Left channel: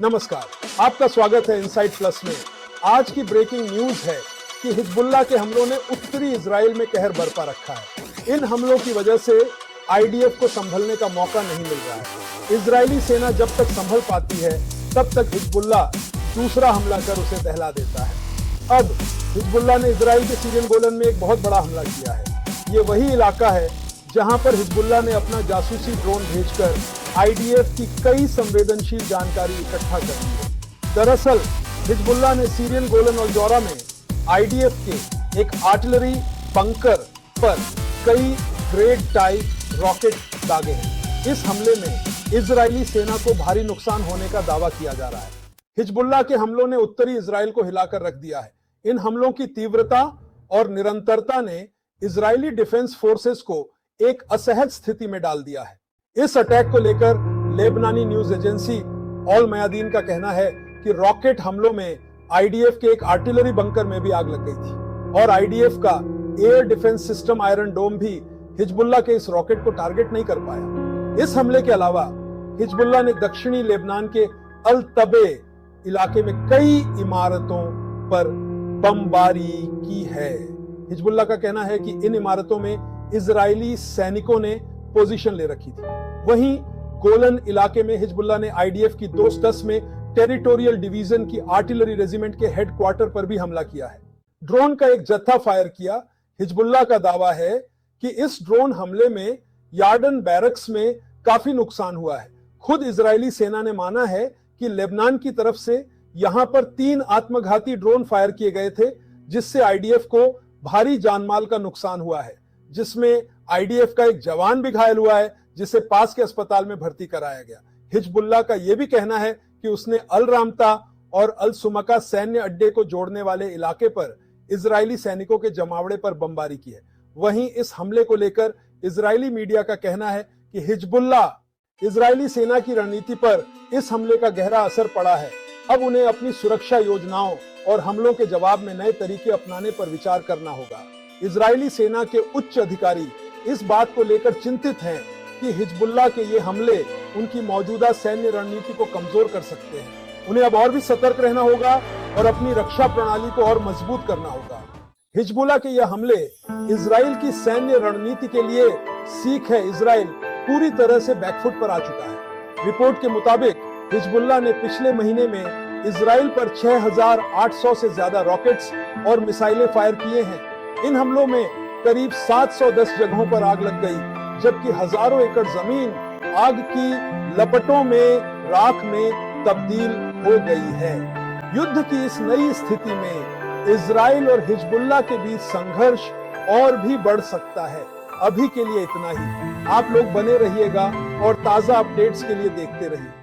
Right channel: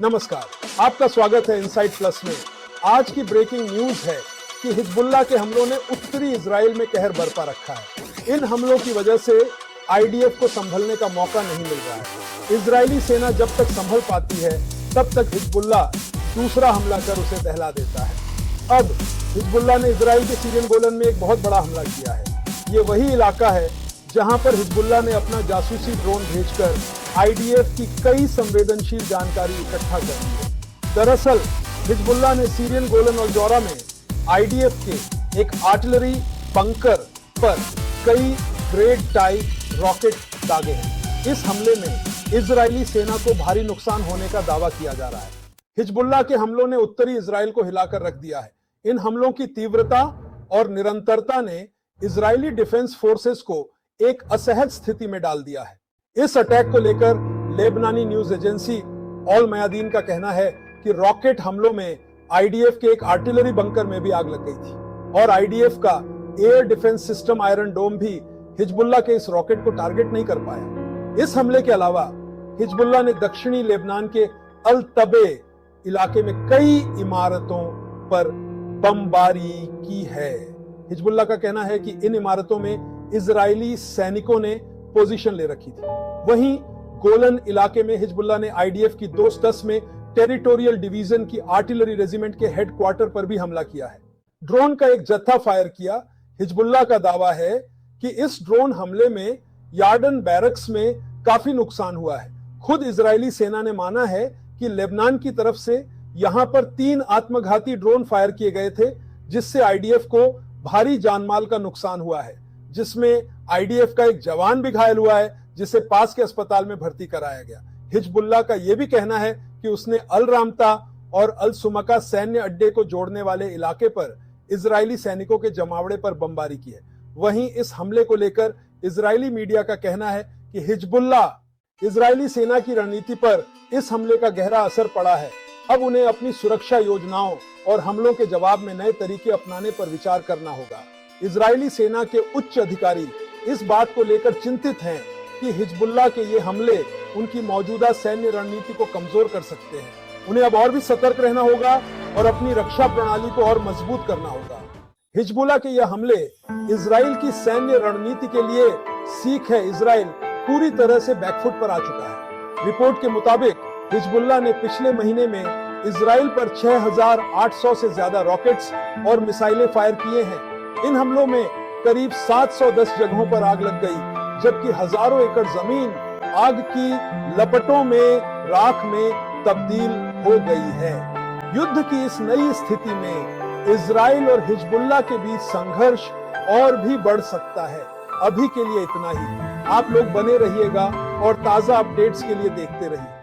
नमस्कार, आपका स्वागत है इनसाइड प्लस में। आज की ब्रेकिंग न्यूज है कि हिजबुल्लाह के हमलों ने उत्तरी इजराइल में कहर बरपा रखा है। इन हमलों की वजह से आईडीएफ को संभलने का मौका नहीं मिल रहा है। इजरायली सेना जब तक संभल पाती है तब तक हिजबुल्लाह दूसरा हमला कर उसे दहला देता है। अब हिजबुल्लाह ने इजराइल के सीरियन गोलन में एक बहुत बड़ा हमला किया है। ये वही इलाका है जहां पर हिजबुल्लाह ने अपना जासूसी ड्रोन भेजकर आईडीएफ की कई संवेदनशील जानकारी इकट्ठा कर ली है। दरअसल हिजबुल्लाह ने सीरियन गोलन और जौरा में आईडीएफ के एक आर्टिलरी बंकर पर कई ग्रेड टाइप रॉकेट दागे हैं। इस हमले में इजरायली सेना को भारी नुकसान होने का दावा किया जा रहा है। हिजबुल्लाह के हमलों ने उत्तरी इजराइल को हिलाकर रख दिया है। इन हमलों की तीव्रता और निरंतरता ने इजरायली डिफेंस फोर्सेस को एक असहज स्थिति में डाल दिया है। इस अटैक को लेकर लेबनानी न्यूज एजेंसी ऑल मयादीन का कहना है कि रॉकेट हमलों में आईडीएफ के एक आर्टिलरी बंकर में भी आग लग गई थी और आईडीएफ का एयर डिफेंस सिस्टम आयरन डोम भी हिजबुल्लाह के इस रॉकेट को टारगेट नहीं कर पाया। इस हमले के अलावा हिजबुल्लाह ने दक्षिणी लेबनान के अल तबे इलाके में कई इमारतों पर बमबारी की है। हिजबुल्लाह का कहना है कि इन इमारतों में इजरायली सैनिकों ने पोजीशन ले रखी थी। वहीं गोलन इलाके में हिजबुल्लाह ने आईडीएफ की 210 में टेरिटोरियल डिवीजन की आर्टिलरी रेजिमेंट के हेडक्वार्टर पर भी हमला किया है। ड्रोन का एक जत्था फायर किया। हिजबुल्लाह का दावा है कि इस ड्रोन हमले में यार्डन बैरक्स में काफी नुकसान हुआ है। खुद इजरायली सेना ने माना है कि लेबनान की तरफ से यहां पर 3 आत्मघाती ड्रोन फायर किए गए थे, जिससे आईडीएफ को भारी जानमाल का नुकसान हुआ है, जिसमें आईडीएफ का एक जवान भी घायल हुआ है, जिसे पास के अस्पताल में भर्ती कराया गया। हिजबुल्लाह का यह भी कहना है कि उसने अल रामता और अल सुमका सैन्य अड्डे को जोड़ने वाले इलाके पर इजरायली सैनिकों के जमावड़े पर बमबारी की है। वहीं इस हमले को लेकर इजरायली मीडिया का कहना है कि हिजबुल्लाह इजरायली सेना की रणनीति पर इस हमले का गहरा असर पड़ा है। अब उन्हें अपनी सुरक्षा योजनाओं और हमलों के जवाब में नए तरीके अपनाने पर विचार करना होगा। इजरायली सेना के उच्च अधिकारी इस बात को लेकर चिंतित हैं कि हिजबुल्लाह के ये हमले उनकी मौजूदा सैन्य रणनीति को कमजोर कर सकते हैं। उन्हें अब और भी सतर्क रहना होगा और अपनी रक्षा प्रणाली को और मजबूत करना होगा। हिजबुल्लाह के ये हमले इजराइल की सैन्य रणनीति के लिए सीख है। इजराइल पूरी तरह से बैकफुट पर आ चुका है। रिपोर्ट के मुताबिक हिजबुल्लाह ने पिछले महीने में इजराइल पर 6,800 से ज्यादा रॉकेट्स और मिसाइलें फायर किए हैं। इन हमलों में करीब 710 जगहों पर आग लग गई, जबकि हजारों एकड़ जमीन आग की लपटों में राख में तब्दील हो गई है। युद्ध की इस नई स्थिति में इजराइल और हिजबुल्लाह के बीच संघर्ष और भी बढ़ सकता है। अभी के लिए इतना ही। आप लोग बने रहिएगा और ताजा अपडेट्स के लिए देखते रहिए।